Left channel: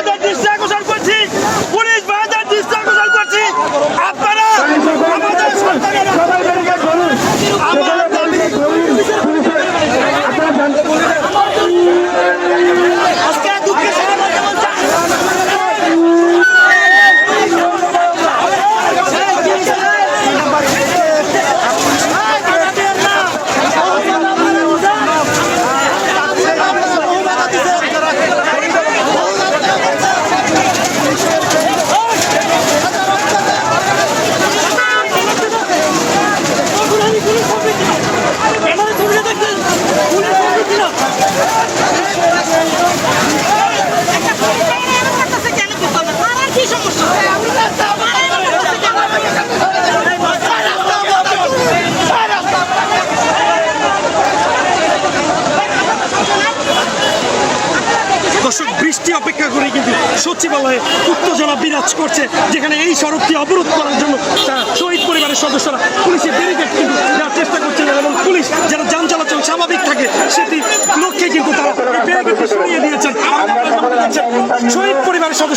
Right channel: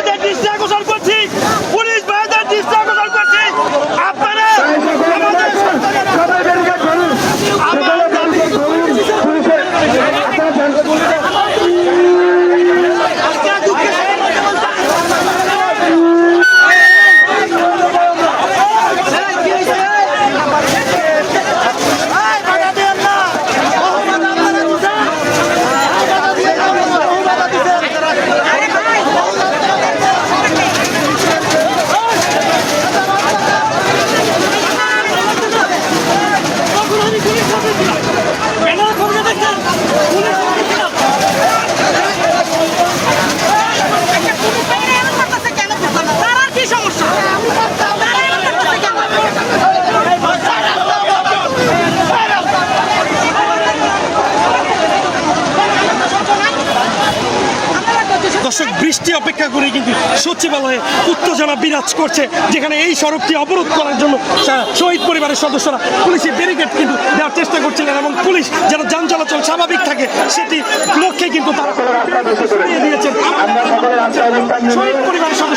ভাইদের দৃষ্টি আকর্ষণ করছি। পুলিশ ভাইদের দৃষ্টি আকর্ষণ করছি। আপনারা দর্শক, বৃষ্টি অপেক্ষা করে কিন্তু সচিবালয়ে উত্তেজনা বিরাজ করছে, যেখানে এই সড়কটি অবরোধ করার জন্য শহীদ পরিবারের সদস্যরা পুলিশের ব্যারিকেড কিন্তু দেওয়ার চেষ্টা করছেন এবং পুলিশ যারা যান চলাচল স্বাভাবিক থাকে, সেটি লক্ষ্যে কিন্তু তারা ব্যারিকেডটি সরিয়ে দিয়েছেন।